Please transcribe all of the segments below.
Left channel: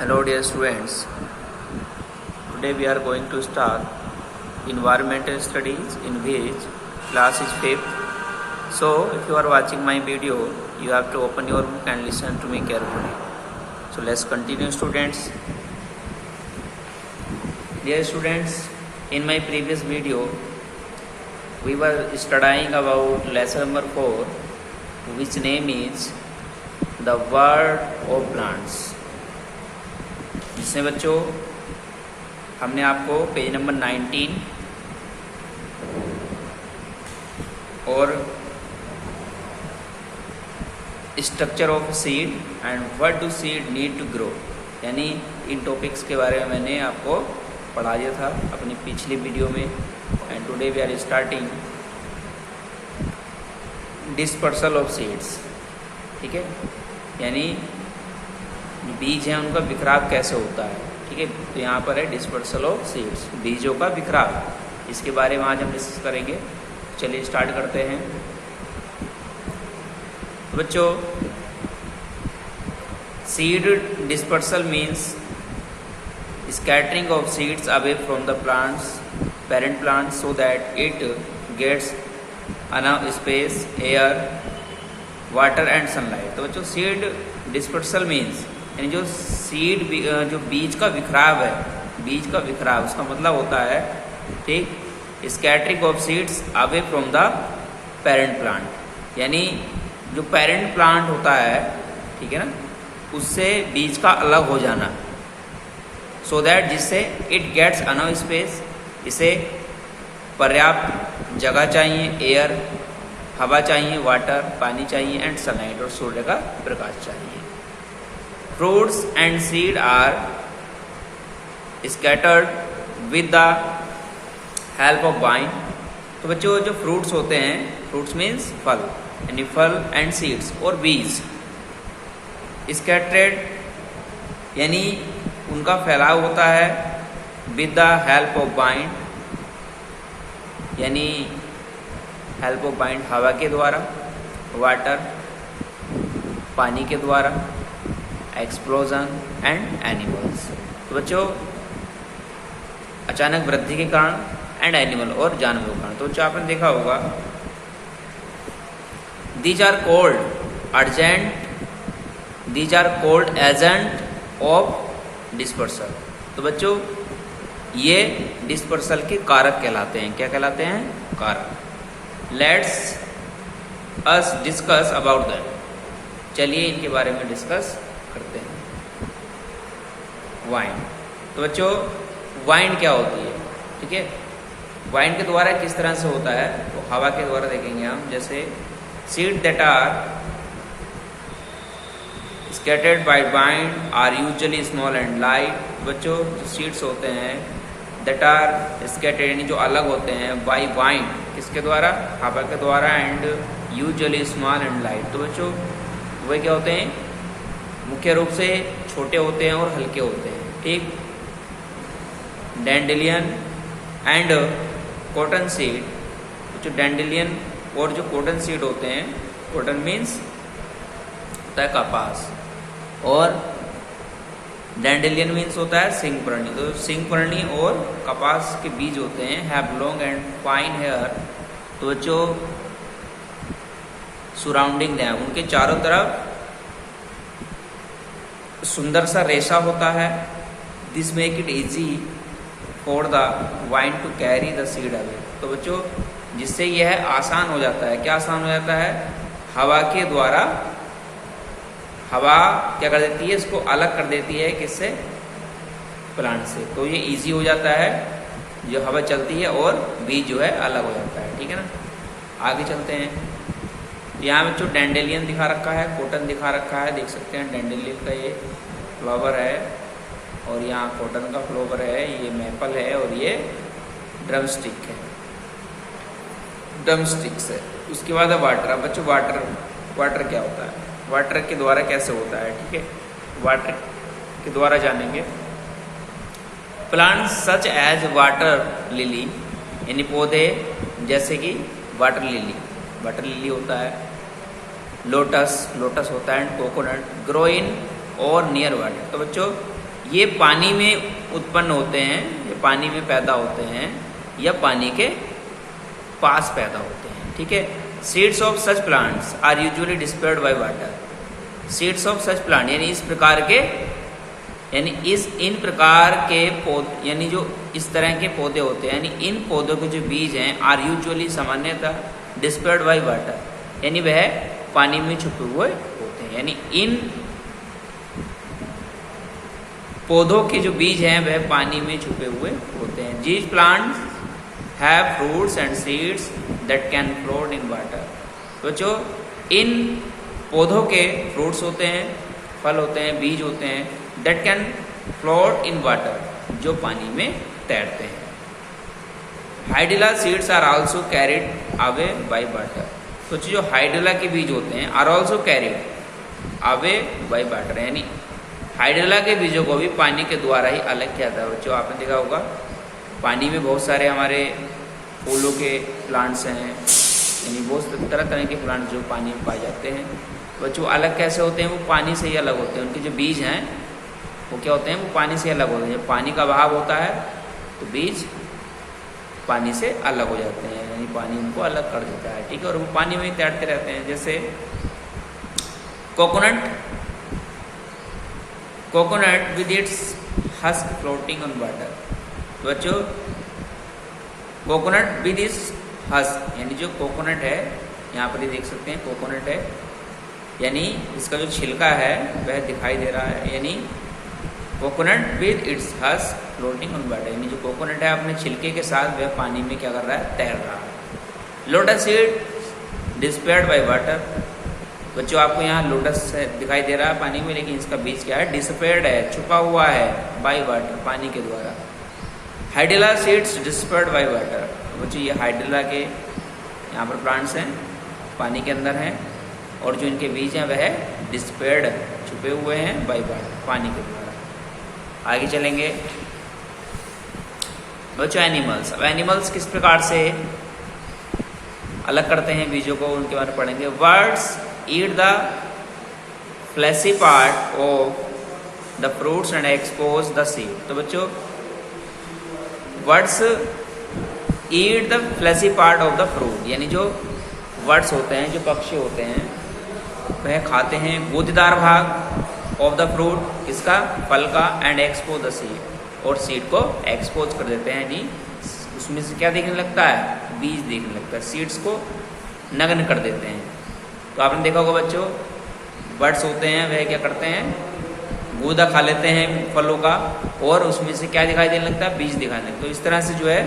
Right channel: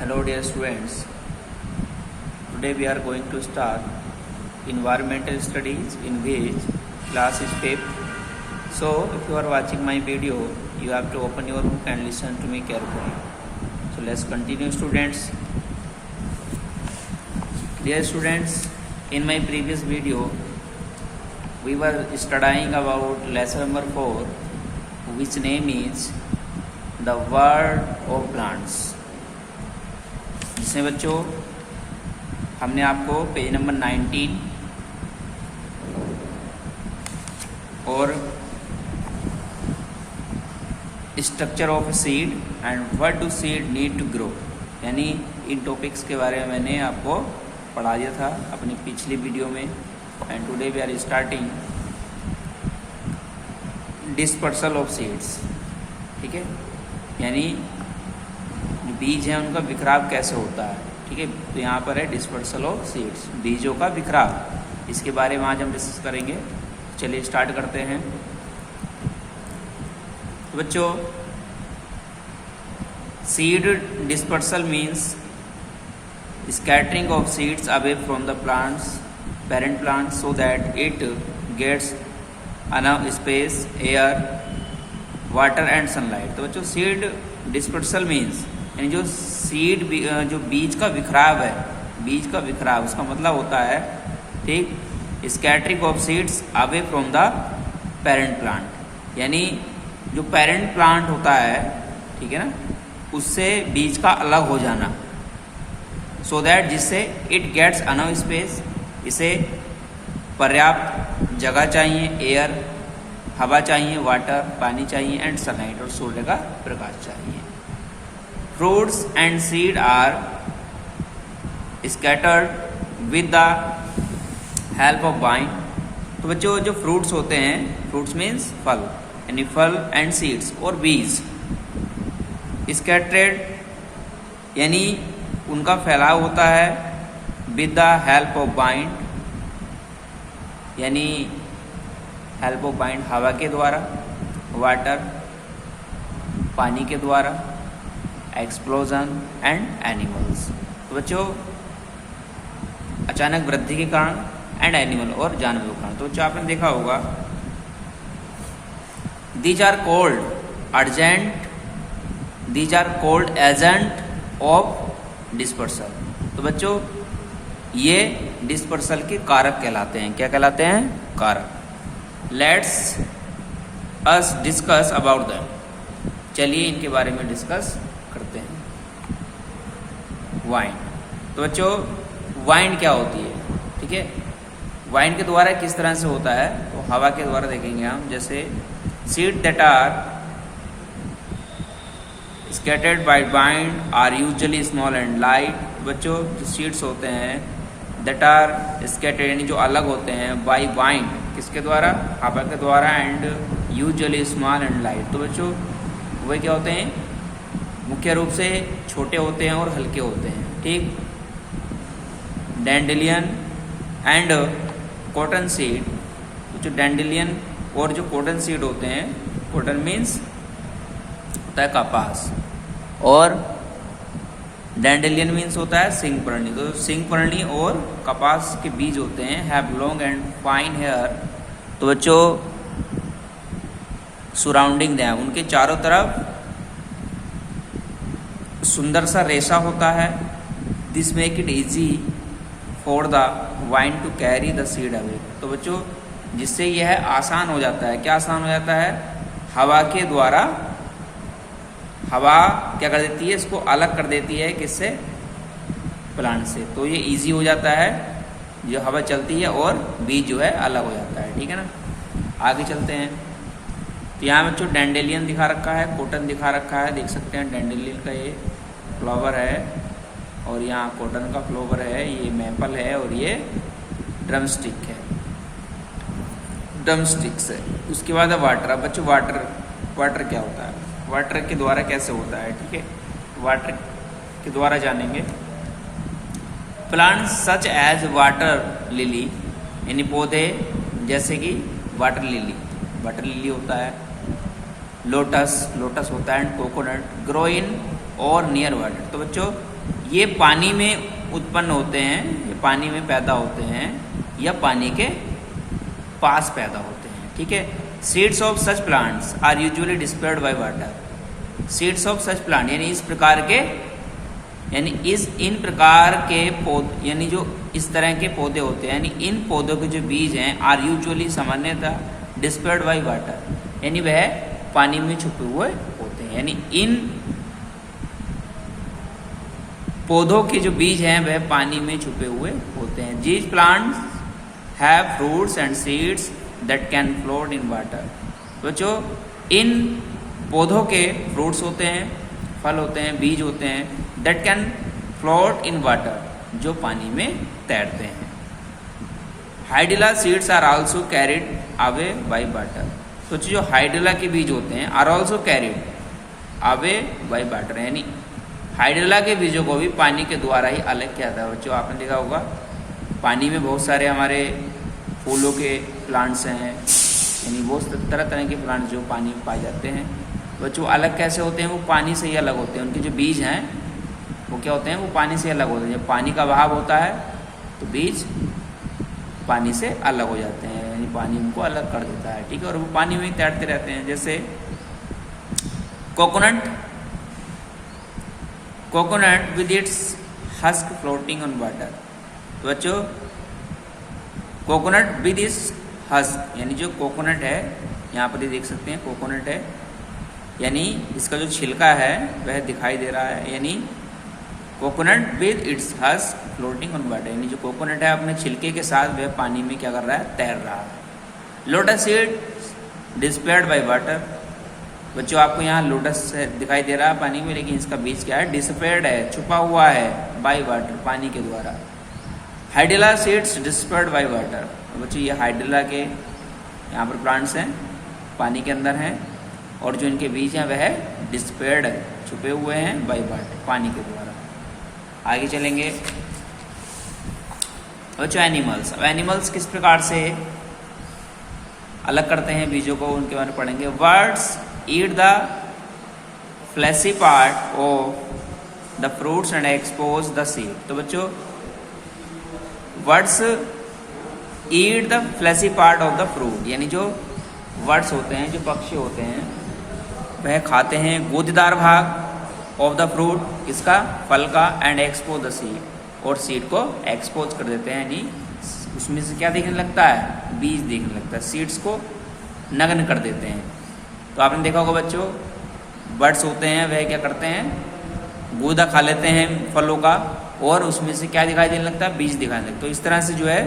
Hello dear students, today we are going to start environmental studies in which class is 5th. So if you are watching my video, you have to open your book and listen to me carefully. So let's continue students. Dear students, in my previous video, we were studying about lesson number 4, which name is the world of plants. जिसमें बच्चों हमने आपको page number 19 और structure of seed and what do seed need to grow यानी इन topics के बारे में मैंने आपको पढ़ा दिया था अपनी पिछली वीडियो में. And today we are starting dispersal of seeds. ठीक है, यानी बीज हैं उनका बिखराव कैसे होता है. ठीक है, तो यहाँ पर है डिस्पर्सल ऑफ सीड्स, बीजों का बिखराव. इसके बारे में आज हम डिस्कस करेंगे. चलिए स्टार्ट करते हैं. तो बच्चों, seed dispersal means scattering of seeds away from the plants parent plant so that it gets enough space, air, water and sunlight. तो बच्चों, सीड डिस्पर्सल मीन्स यानी जो सीड जो बीज का बिखराव है, बीज का बिखराव उसका मतलब होता है ठीक scattering of seeds away from the parent plant. यानी जो पेरेंट प्लांट होता है, ठीक है ना, उससे बीज का अलग हो जाना. सो दैट जिससे इट गेट्स अनफ स्पेस, इसे पर्याप्त जगह चाहिए, एयर हवा चाहिए, वाटर पानी चाहिए एंड सनलाइट और सूर्य का प्रकाश चाहिए. Fruits and seed are scattered with the help of vine. तो बच्चों, जो फ्रूट्स होते हैं, फ्रूट्स मीन्स फल, यानी फल एंड सीड्स और बीज. स्कैटर्ड यानी उनका फैलाव होता है with the help of wine, यानी हेल्प ऑफ वाइन हवा के द्वारा, वाटर पानी के द्वारा, एक्सप्लोजन एंड एनिमल्स. तो बच्चों, अचानक वृद्धि के कारण एंड एनिमल और जानवरों के कारण. तो बच्चों, आपने देखा होगा these are called agent of dispersal. तो बच्चों, ये डिस्पर्सल के कारक कहलाते हैं. क्या कहलाते हैं? कारक. Let's us discuss about that. चलिए इनके बारे में डिस्कस करते हैं. वाइन. तो बच्चों, वाइन क्या होती है? ठीक है, वाइन के द्वारा किस तरह से होता है तो हवा के द्वारा देखेंगे हम. जैसे seed that are scattered by wind are usually small and light. बच्चों, जो सीड्स होते हैं दैट आर स्कैटर्ड यानी जो अलग होते हैं बाय वाइन, किसके द्वारा? हवा के द्वारा, and usually small and light. तो बच्चों, वे क्या होते हैं? मुख्य रूप से छोटे होते हैं और हल्के होते हैं. ठीक. Dandelion and cotton seed. जो डैंडेलियन और जो कॉटन सीड होते हैं, कॉटन मीन्स होता है कपास, और डैंडेलियन मीन्स होता है सिंगपर्णी. तो सिंगपर्णी और कपास के बीज होते हैं have long and fine hair. तो बच्चों, सराउंडिंग है, उनके चारों तरफ सुंदर सा रेशा होता है. This make it easy for the wind to carry the seed away. तो बच्चों, जिससे यह आसान हो जाता है. क्या आसान हो जाता है? हवा के द्वारा. हवा क्या कर देती है? इसको अलग कर देती है. किससे? प्लांट से. तो ये इजी हो जाता है, जो हवा चलती है और बीज जो है अलग हो जाता है. ठीक है ना. आगे चलते हैं. यहाँ बच्चों डैंडेलियन दिखा रखा है, कॉटन दिखा रखा है. देख सकते हैं डैंडेलियन का ये फ्लावर है, और यहाँ कॉटन का फ्लावर है. ये मैपल है, और ये ड्रमस्टिक है, ड्रमस्टिक्स है. उसके बाद है वाटर. अब बच्चों, वाटर क्या होता है? वाटर के द्वारा कैसे होता है? ठीक है, वाटर के द्वारा जानेंगे. Plants such as water lily, यानी पौधे जैसे कि वाटर लिली होता है, लोटस होता है, एंड कोकोनट ग्रो इन और नियर वाटर. तो बच्चों, ये पानी में उत्पन्न होते हैं, ये पानी में पैदा होते हैं या पानी के पास पैदा होते हैं, ठीक है। Seeds of such plants are usually dispersed by water. Seeds of such plant यानी इस प्रकार के, यानी इन प्रकार के पौधे, यानी जो इस तरह के पौधे होते हैं, यानी इन पौधों के जो बीज हैं आर यूजुअली सामान्यतः डिस्पेयर्ड बाय वाटर, यानी वह पानी में छुपे हुए होते हैं। यानी इन पौधों के जो बीज हैं वह पानी में छुपे हुए होते हैं। These plants have fruits and seeds that can float in water। तो जो इन पौधों के फ्रूट्स होते हैं, फल होते हैं, बीज होते हैं, that can float in water, जो पानी में तैरते हैं। Hydrilla seeds are also carried away by water. तो जो हाइडिला के बीज होते हैं are also carried away by water, यानी हाइड्रेला के बीजों को भी पानी के द्वारा ही अलग किया जाता है। बच्चों आपने देखा होगा पानी में बहुत सारे हमारे फूलों के प्लांट्स हैं, यानी बहुत तरह तरह के प्लांट जो पानी में पाए जाते हैं। बच्चों अलग कैसे होते हैं? वो पानी से ही अलग होते हैं। उनके जो बीज हैं वो क्या होते हैं? वो पानी से अलग होते हैं। जब पानी का बहाव होता है तो बीज पानी से अलग हो जाते हैं, यानी पानी उनको अलग कर देता है, ठीक है। और वो पानी में तैरते रहते हैं। जैसे coconut with its husk floating on water. तो बच्चों कोकोनट विद इट्स हस्क, यानी जो कोकोनट है, यहाँ पर ही देख सकते हैं कोकोनट है, यानी इसका जो छिलका है वह दिखाई दे रहा है। यानी coconut with its husk floating on water, यानी जो कोकोनट है अपने छिलके के साथ वह पानी में क्या कर रहा है? तैर रहा है। Lotus seed despaired by water. बच्चों आपको यहाँ लोटस दिखाई दे रहा है पानी में, लेकिन इसका बीज क्या है? डिस्पेयर्ड है, छुपा हुआ है बाय वाटर, पानी के द्वारा। Hydrilla seeds despaired by water. बच्चों ये हाइड्रेला के यहाँ पर प्लांट्स हैं, पानी के अंदर हैं, और जो इनके बीज हैं वह डिस्पेयर्ड है, छुपे हुए हैं बाय वाटर, पानी के द्वारा। आगे चलेंगे बच्चों एनिमल्स। अब एनिमल्स किस प्रकार से अलग करते हैं बीजों को, उनके बारे में पढ़ेंगे। Words eat the fleshy part of the fruits and expose the seed। तो बच्चों words eat the fleshy part of the fruit, यानी जो वर्ड्स होते हैं, जो पक्षी होते हैं, वह खाते हैं गूदेदार भाग ऑफ द फ्रूट, इसका फल का, एंड एक्सपोज द सीड, और सीड को एक्सपोज कर देते हैं, यानी उसमें से क्या दिखने लगता है? बीज दिखने लगता है, सीड्स को नग्न कर देते हैं। तो आपने देखा होगा बच्चों बर्ड्स होते हैं वह क्या करते हैं? गूदा खा लेते हैं फलों का, और उसमें से क्या दिखाई देने लगता है? बीज दिखाई देते। तो इस तरह से जो है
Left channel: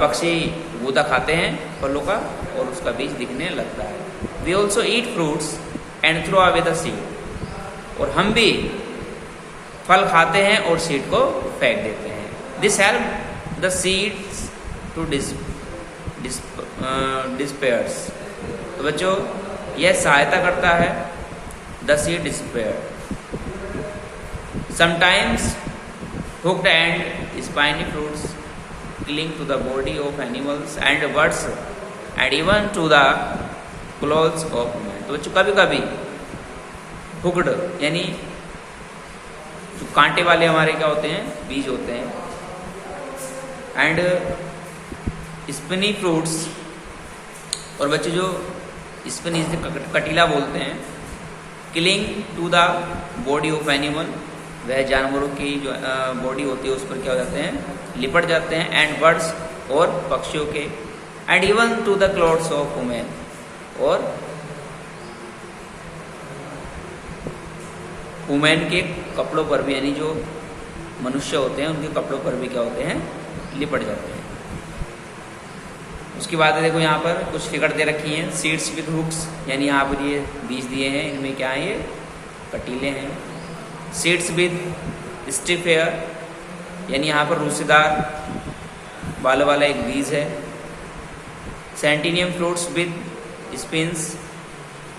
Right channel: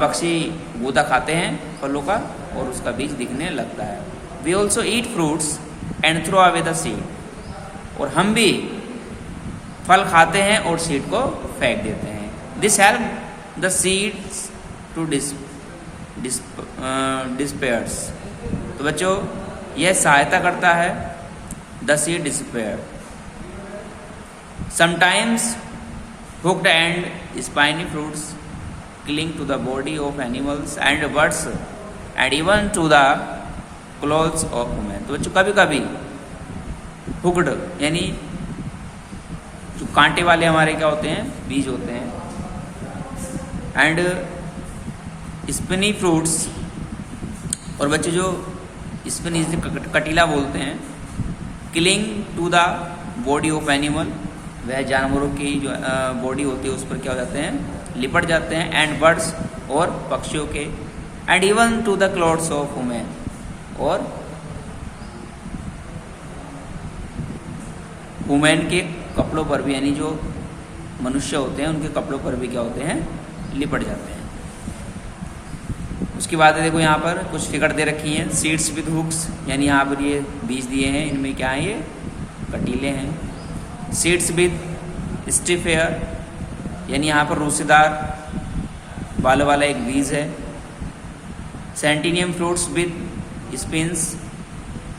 पक्षी गूदा खाते हैं फलों का और उसका बीज दिखने लगता है। We also eat fruits and throw away the seed. और हम भी फल खाते हैं और सीड को फेंक देते हैं। This help the seeds to disperse. तो बच्चों यह सहायता करता है the seed disperse. Sometimes hooked and spiny fruits cling to the body of animals and birds and even to the clothes of women. तो बच्चों कभी कभी हुक्ड यानी जो कांटे वाले हमारे क्या होते हैं? बीज होते हैं, एंड स्पिनी फ्रूट्स। और बच्चे जो स्पिनी कटीला बोलते हैं, cling to the body of animal, वह जानवरों की जो बॉडी होती है उस पर क्या हो जाते हैं? लिपट जाते हैं, एंड बर्ड्स और पक्षियों के, and even to the clothes of women, और वुमेन के कपड़ों पर भी, यानी जो मनुष्य होते हैं उनके कपड़ों पर भी क्या होते हैं? लिपट जाते हैं। उसके बाद देखो यहाँ पर कुछ फिगर दे रखी हैं। सीड्स विद हुक्स, यानी यहाँ पर ये बीज दिए हैं, इनमें क्या है? ये कटीले हैं। सीड्स विद स्टिफ हेयर, यानी यहाँ पर रूसीदार बालों वाला एक बीज है। सेंटिनियम फ्रूट्स विद स्पिन्स,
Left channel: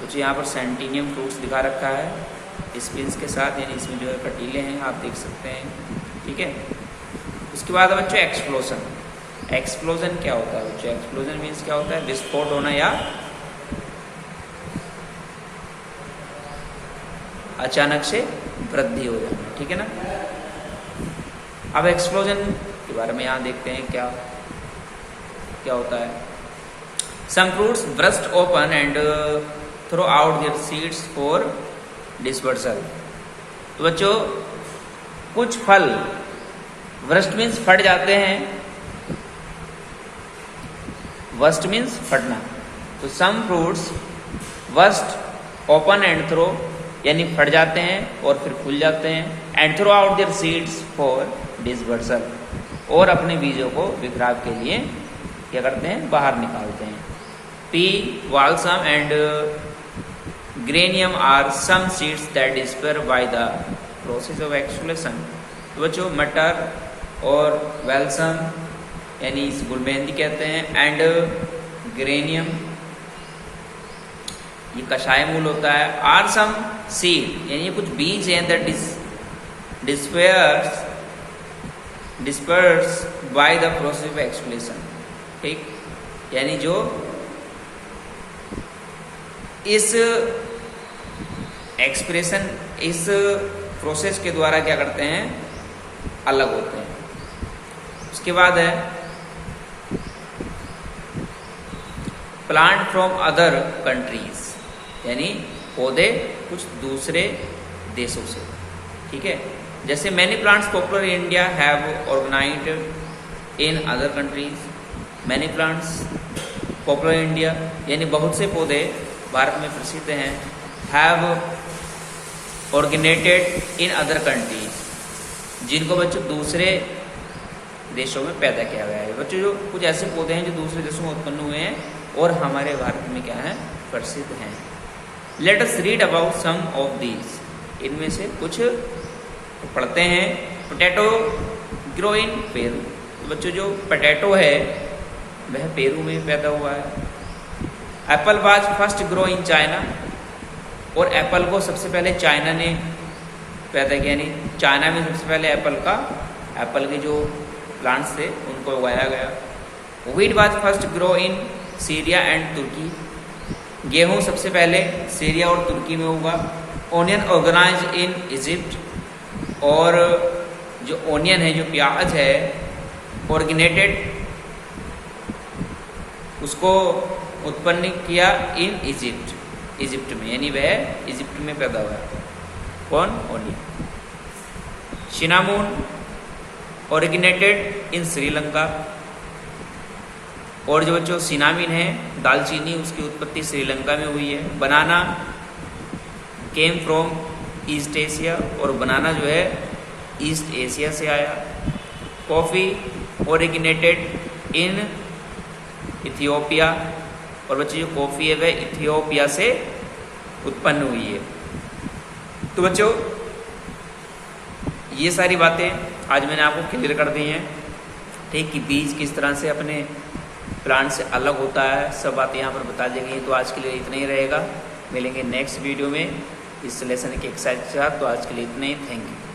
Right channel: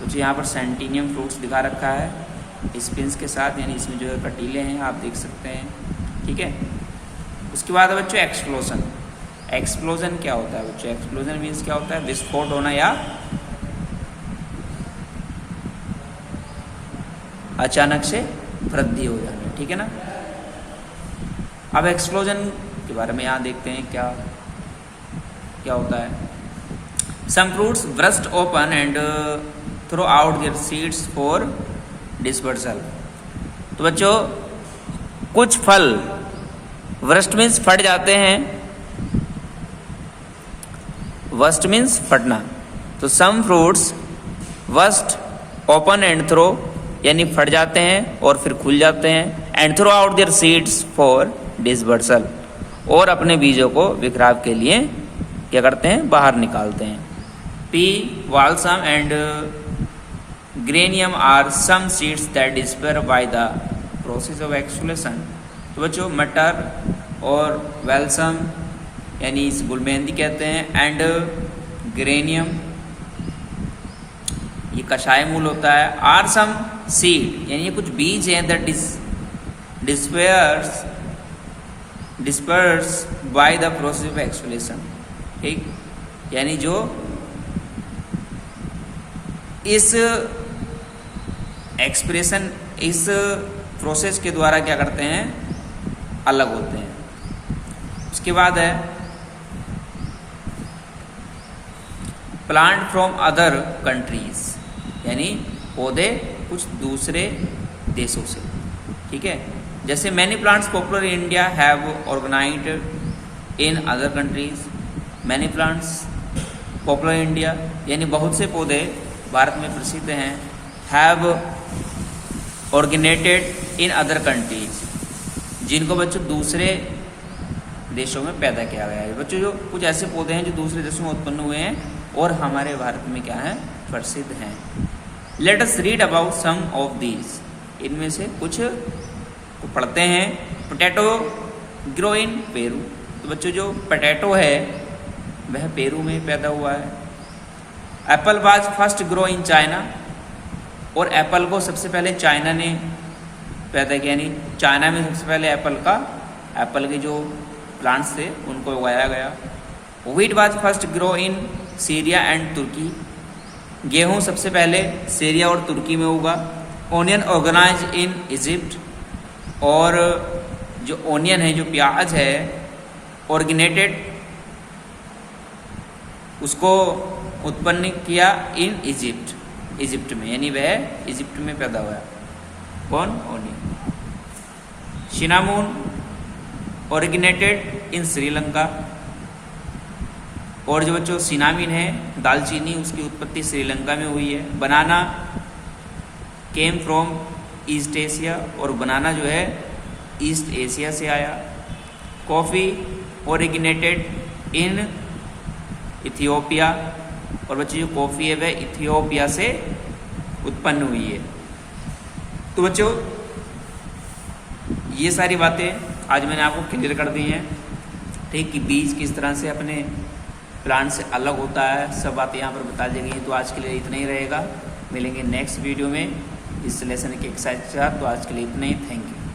कुछ यहाँ पर सेंटिनियम फ्रूट्स दिखा रखा है स्पिन्स के साथ, यानी इसमें जो है कटीले हैं, आप देख सकते हैं, ठीक है। उसके बाद बच्चों एक्सप्लोजन। एक्सप्लोजन क्या होता है बच्चों? एक्सप्लोजन मीन्स क्या होता है? विस्फोट होना या अचानक से वृद्धि हो जानी, ठीक है ना। अब एक्सप्लोजन के बारे में यहाँ देखते हैं क्या क्या होता है। Some fruits burst open and throw out their seeds for dispersal. तो बच्चों कुछ फल वर्स्ट मीन्स फट जाते हैं, वर्स्ट मीन्स फटना। तो some fruits burst open and throw यानी फट जाते हैं और फिर खुल जाते हैं, and throw out their seeds for dispersal, और अपने बीजों को बिखराव के लिए क्या करते हैं, बाहर निकालते हैं। Pea balsam and geranium are some seeds that disperse by the process of explosion. तो बच्चों मटर और वेल्सम यानी इस गुलमेहंदी कहते हैं, एंड ग्रेनियम ये कषाय मूल होता है, आर सम सीड यानी कुछ बीज हैं that disperse by the process of explosion, ठीक, यानी जो इस एक्सप्रेशन इस प्रोसेस के द्वारा क्या करते हैं, अलग होते हैं। उसके बाद है प्लांट फ्रॉम अदर कंट्रीज, यानी पौधे कुछ दूसरे देशों से, ठीक है। जैसे many plants popular in India have originated in other countries. Many plants popular in India यानी बहुत से पौधे भारत में प्रसिद्ध हैं, have originated in other countries, जिनको बच्चों दूसरे देशों में पैदा किया गया है। बच्चों जो कुछ ऐसे पौधे हैं जो दूसरे देशों में उत्पन्न हुए हैं और हमारे भारत में क्या है, प्रसिद्ध हैं। Let us read about some of these, इनमें से कुछ तो पढ़ते हैं। Potato grow in Peru. तो बच्चों जो पोटैटो है वह पेरू में पैदा हुआ है। Apple was first grow in China, और एप्पल को सबसे पहले चाइना ने पैदा किया, यानी चाइना में सबसे पहले एप्पल के जो प्लांट्स थे उनको उगाया गया। Wheat was first grow in Syria and Turkey. गेहूं सबसे पहले सीरिया और तुर्की में उगा। ओनियन ऑर्गेनाइज इन इजिप्ट, और जो ओनियन है जो प्याज है ऑर्गेनेटेड उसको उत्पन्न किया इन इजिप्ट में, यानी वह इजिप्ट में पैदा हुआ। कौन, ओनियन। सिनामोन ऑर्गेनेटेड इन श्रीलंका, और जो बच्चों सिनामिन है दालचीनी उसकी उत्पत्ति श्रीलंका में हुई है। बनाना केम फ्रॉम ईस्ट एशिया, और बनाना जो है ईस्ट एशिया से आया। कॉफ़ी ओरिजिनेटेड इन इथियोपिया, और बच्चों जो कॉफ़ी है वह इथियोपिया से उत्पन्न हुई है। तो बच्चों ये सारी बातें आज मैंने आपको क्लियर कर दी हैं, ठीक, कि बीज किस तरह से अपने प्लांट से अलग होता है, सब बातें यहाँ पर बता दी गई। तो आज के लिए इतना ही रहेगा, मिलेंगे नेक्स्ट वीडियो में इस लेसन के एक्सरसाइज के साथ। तो आज के लिए इतना ही, थैंक यू।